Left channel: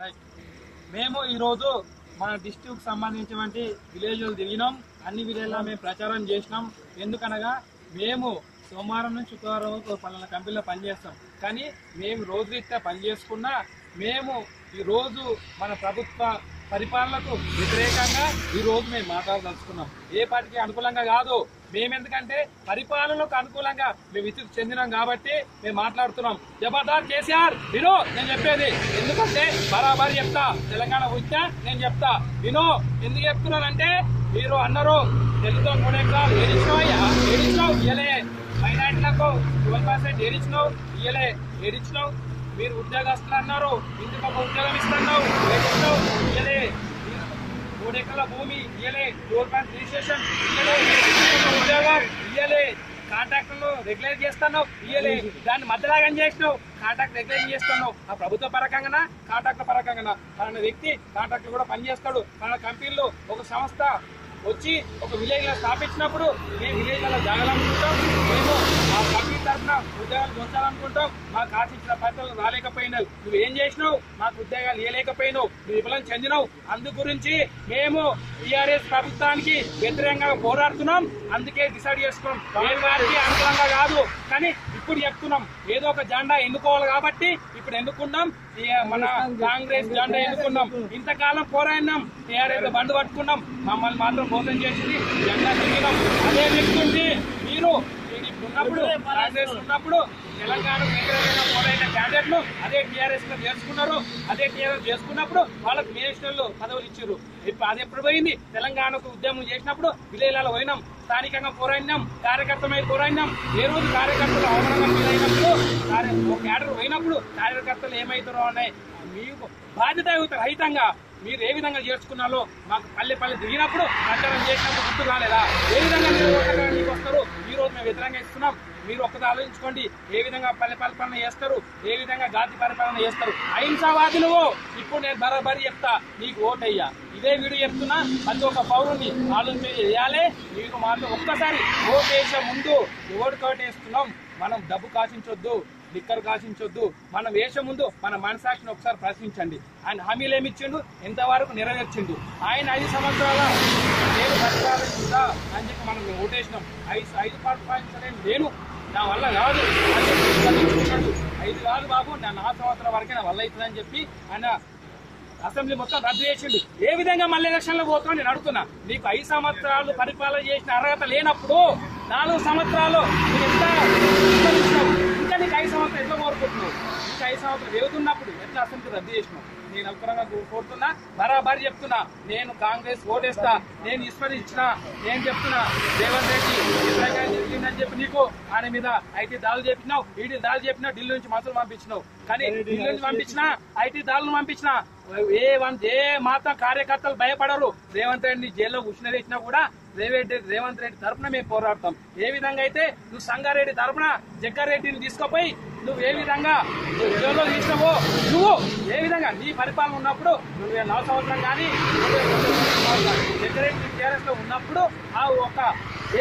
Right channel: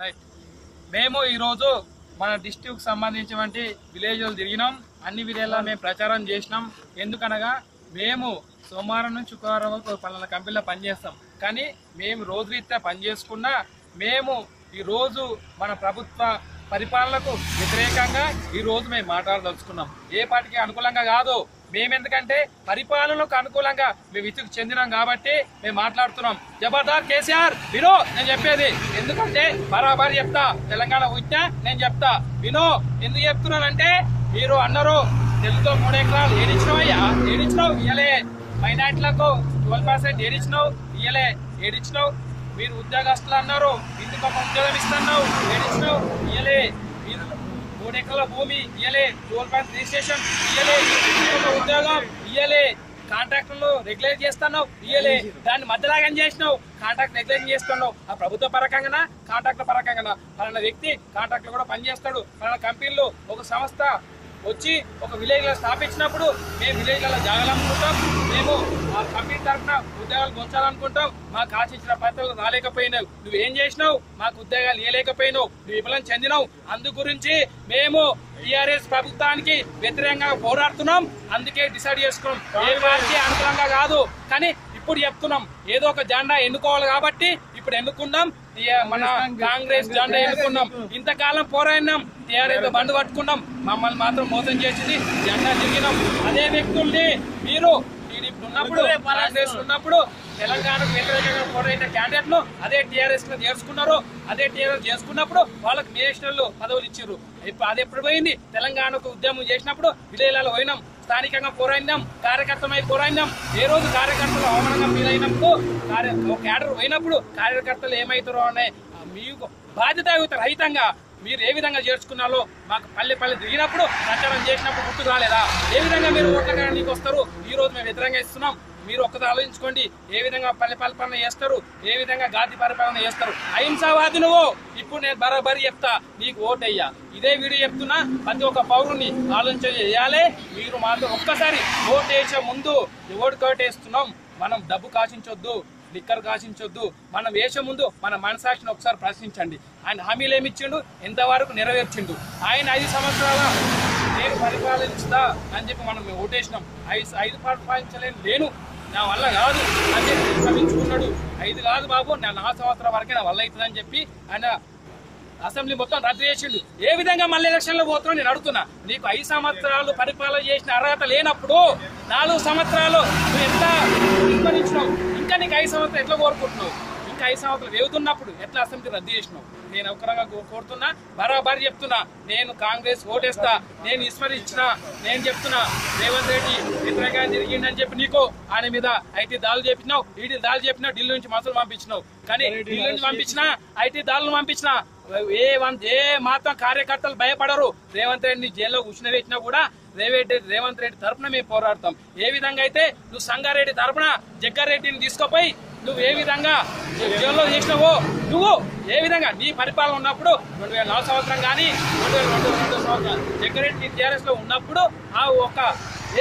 Right. మేము ఈరోజు మన డిస్ట్రిక్ట్ సంబంధించినటువంటి విలేజ్లు తిరిగినాం. అన్ని విలేజ్లో మేము ప్రచారం చేసినాం. ఎందుకనగా మేము సోమవారం నుంచి శుక్రవారం వరకు పలానా కంపెనీలో పనిచేస్తాం. కానీ మేము రోజురీత్యా పనిచేసుకున్నా మేము ఈరోజు మన ప్రభుత్వ పరిపాలనకు వ్యతిరేకంగా ఈరోజు మేము మాట్లాడదలుచుకున్నాం. ఏ పార్టీకి అనుకూలంగా కాదు. మేమెందుకంటే పరిపాలనకు అనుకూలంగా మేము విసుగు చెందినాం కాబట్టి మేము మాట్లాడుతున్నాం. జబర్దార్ కేసీఆర్ వినో నేను చెప్పేది. ఎందుకంటే బరాబర్ చెప్తా, తెలంగాణ వచ్చినా నేను చెప్తా వినో. ఎందుకు చెప్తున్నానంటే మీరు అన్నారు తెలుగుతో 3 ఎకరాలు ఏడిచ్చినావు ఇయ్యలే, మైనార్టీలకు 12% ఏడిచ్చినావు ఇయ్యలే, ఏడిచ్చినావు. మీరు ఉద్యోగస్తులు అన్నారు, ఇందుకు ఒక ఉద్యోగం ఇస్తున్నావు ఏడిచ్చినావు ఇయ్యలే, 3 ఎకరాల భూమి ఇయ్యలే, 12% రిజిస్ట్రేషన్ ఇయ్యలే, ఒక ఉద్యోగం ఇయ్యలే, కాంట్రాక్టులు రెగ్యులేట్ చేస్తున్నావు ఇయ్యలే, దాన్ని మధ్యలాగా చేసినావు, కాంట్రాక్ట్ రెగ్యులేట్ చేస్తున్నావు. ఆ ప్రభుత్వ పరకంగా కాంట్రాక్టుల పరకంగా పలానా వ్యక్తి కాంట్రాక్టులు కూడా పనిచేస్తాడు. పలానా కంపెనీలు ఒక సంస్థ వచ్చి ఒక విలేజ్లో స్థాపించినప్పుడు మేము విలేజ్లలో జాగాలనుకుంటాం. మేము ఆ కంపెనీ తరఫున ఉద్యోగాలు పెంచాలనుకుంటాం. మాకు ఆశించిన పద్ధతులు రాలేకపోయినావు, నువ్వేం చేసినావు, మాకు ఉద్యోగాలు ఇవ్వలేకపోయినావు, నువ్వు విఫలం చెందినావు. అందు గురించి మేము టీఆర్ఎస్ ప్రభుత్వానికి వ్యతిరేకంగా పోరాడుతున్నాం. అందుకే డిసైడ్ చేసుకున్నాం. ఏ వారికి అనుకూలంగా కాదు, కానీ ఇప్పుడు చెప్తున్నాం ఏదో ఒక జెండా ఎన్నుకోవాలి కాబట్టి ఇప్పుడు ఎన్నుకున్నాం. మన కాంగ్రెస్ జెండా ఎన్నుకున్నాం. ఇంతకాలం పోరాడినాం, టీఆర్ఎస్ బండు పట్టుకున్నాం, మమ్మల్ని మాత్రం మోసం చేసింది, జెండా తిరిగినాం. అదే వ్యక్తుల్ని మీరు ఉన్నప్పుడు కాంగ్రెస్ ఉన్నప్పుడు తెలంగాణకు వ్యతిరేకంగా పోరాడిన క్యాండిడేట్లు అదే టీఆర్ఎస్ లో చేర్చుకున్నారు. అదే టీఆర్ఎస్ చేసుకున్నప్పుడు వాళ్ళకి నేషనల్ పదవులు ఇచ్చారు. ఇప్పుడు అది ఎప్పుడు పోయింది? తెలంగాణకు ఉద్యమం చేసినప్పుడు విలేజ్లలో పోయినాం, స్థానికంగా పోరాడినాం, కార్యకర్తమై పోరాడినాం. ఏ రోజు కార్యకర్తలు అవమానంగా ఫీలైనప్పుడు క్యాడర్ పోయినప్పుడు కార్యకర్తలు ఏమవుతారో అనే మీకు బాధ్యత రహితంగా మీరు ఏ విధంగా చేర్చుకున్నారో మాకు పల్లె దిగినప్పుడు ప్రచారం చేసినప్పుడు గుర్తు రాలేదా? ఏ విధంగా మీరు ఓటడానికి వస్తారు? ఈ రోజు మేము వ్యతిరేకంగా ఇస్తున్నాం. మీరు ఒక్కటి ఆలోచించుకోండి. ఏ విధంగా పల్లె పరిపాలన చేస్తారు, ఏ విధంగా జాతి పరిపాలన చేస్తారు. అహింసావాది నువ్వు. ఇప్పుడు నేను బరాబరి చెప్తా, నీకు ఓటయ్యా. ఇదే వీడియో చెప్తున్నా, ప్రతి ఒక్క పౌరుని ఆలోచన చేయాలి. మీరు మాత్రం ఒక్కసారి ఓటేసే ముందు ఓటుకోటేస్తున్నాం, మనం డబ్బు కాశించొద్దు, లిక్కర్ కాశించొద్దు. మనం వేసే ముందు మన మనసాక్షిని ఒకసారి ప్రశ్నించండి. ఆయన హామీలు ఏమి ఇచ్చిండు, ఎంతవరకు నెరవేర్చిండు? ఆయన 5 సంవత్సరాల నేను పరిపాలించుదా అని చెప్పి మనం ఓటేసినాం. 5 పరిపాలించలేను నేను, నా వల్ల కాదు అని చెప్పి ప్రశ్నించుకున్నాడు. 5 కాదు బాబు, నా 4 సంవత్సరాల వరకే నా వల్ల అవుతుందని చెప్పి ఆయన అసెంబ్లీ మొత్తం రద్దు చేసిండు. ఏ విధంగా మళ్ళీ ఎలక్షన్లో పోతున్నావు నేను అడుగుతున్నా. నీకు 5 సంవత్సరాలు పరిపాలన చేసిన అర్హత లేనప్పుడు 4 సంవత్సరాలు నువ్వు ఎంత విస్తరించినావు? ఇంకా నీకు 5 సంవత్సరాలు ఎట్లా కోరుకుంటున్నావు? ఇంకా 5 సంవత్సరాలు వ్యవతున్నప్పుడు ఎట్లా అసెంబ్లీ రద్దు చేసినావు? నేను ఒక్కరంగా కోరుతున్నా, బరాబరి చెప్తున్నా, నేను కాంగ్రెస్ ఓటేస్తా. నేను విస్మరించిన, నేను చెప్తున్నా రేవంత్ రెడ్డి వ్యతిరేకంగా జరిగిందని చెప్పి నీకు ఆయన మీద ఐటీ దాడులు చేపించినావు, ఈడీ దాడులు చెప్పినావు, ఢిల్లీ నుంచి మసలు పంపించినావు. కానీ ఢిల్లీ నుంచి పంపించినా, ఐటీ దాడులు పంపించినా ఏ మాత్రం కార్యకర్తలు భయపడరు. రేవంత్ రెడ్డిని జైల్లో కూర్చునిపెట్టినా కూడా రేవంత్ రెడ్డి తరఫున మేము పోరాడతాం. ఏ విధంగా అయితే నువ్వు సంగారెడ్డి తరఫున జగ్గారెడ్డిని తీసుకుపోయి నువ్వు ఏ విధంగా జైల్లో చేసినావో, నువ్వు ఏ విధంగా నీ పరిపాలన ఉన్నప్పుడు 2004 సంవత్సరం కానీ 2002 సంవత్సరం జగ్గారెడ్డి టీఆర్ఎస్ లో ఉన్నప్పుడు ఆ ఒక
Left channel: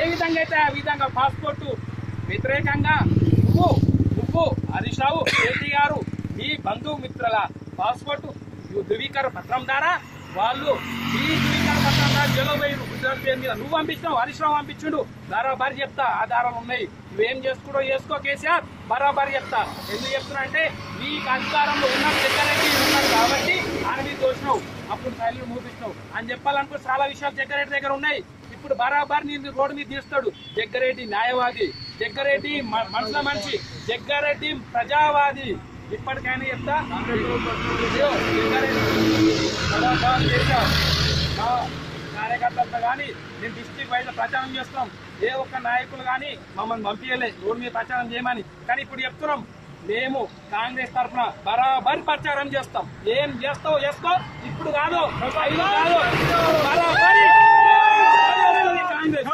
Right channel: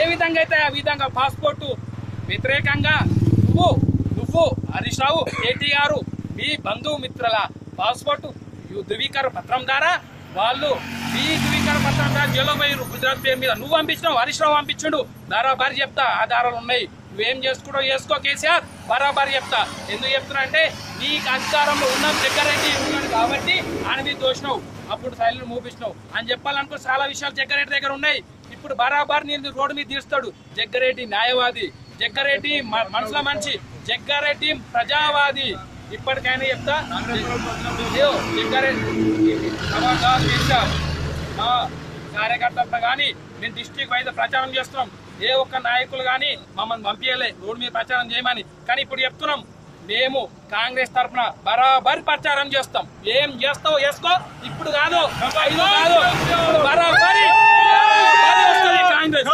ఏ విధంగా అయితే ఆ విధంగా పాస్పోర్టు వ్యతిరేకంగా నువ్వు హరీష్ రావు, కేటీఆర్ మీ బంధుమిత్రుల పాస్పోర్టు ధృవీకరణ పత్రం ద్వారా వాళ్ళు మీ ధృవీకరణ పత్రం ద్వారా జైల్లో పోయారు. గుజరాత్ పేరు మీద నువ్వు పంపించినావు, హరీష్ రావు పంపించుడు. బరాబరి చెప్తా, ఆధారాలు ఉన్నాయి. నువ్వేం చేసుకుంటో చేసుకో కేసీఆర్, బరాబరి చెప్తా. ఎందుకు చెప్తున్నా అంటే నీకు అధికారంలో ఉన్న జగ్గారెడ్డి ఉన్నాడు కాబట్టి ఆయన మీద దోషినావు, అప్పుడు శైలిని మూపించినావు అని చెప్పాలనుకో. చాలా విషయాలు జగ్గారెడ్డి దగ్గర ఉన్నాయి. ఇప్పుడు బరాబర్ నేను రోడ్డు మీద తీస్తాడు. జగ్గారెడ్డి న్యాయవాది, జగ్గారెడ్డి మనసుల మనిషి, జగ్గారెడ్డి ప్రజావాది. ఇప్పటికైనా చెప్తా, కార్యకర్తలతో కానీ మేము డిస్ట్రిక్ట్ వైజ్ ప్రచారం చేస్తున్నాం. ఏ ఒక్క నాయకులు కానీ మమ్మల్ని పంపించలే రోడ్డు మీద ప్రచారం చేయమని. కానీ ఇప్పుడు చెప్తున్నాం, మేము కాంగ్రెస్ తరఫున బరాబరి ప్రచారం చేస్తాం. ఏం చేస్తావు చేసుకో, ఇప్పుడు కాదు, 5 కాదు, బరాబరి కాంగ్రెస్.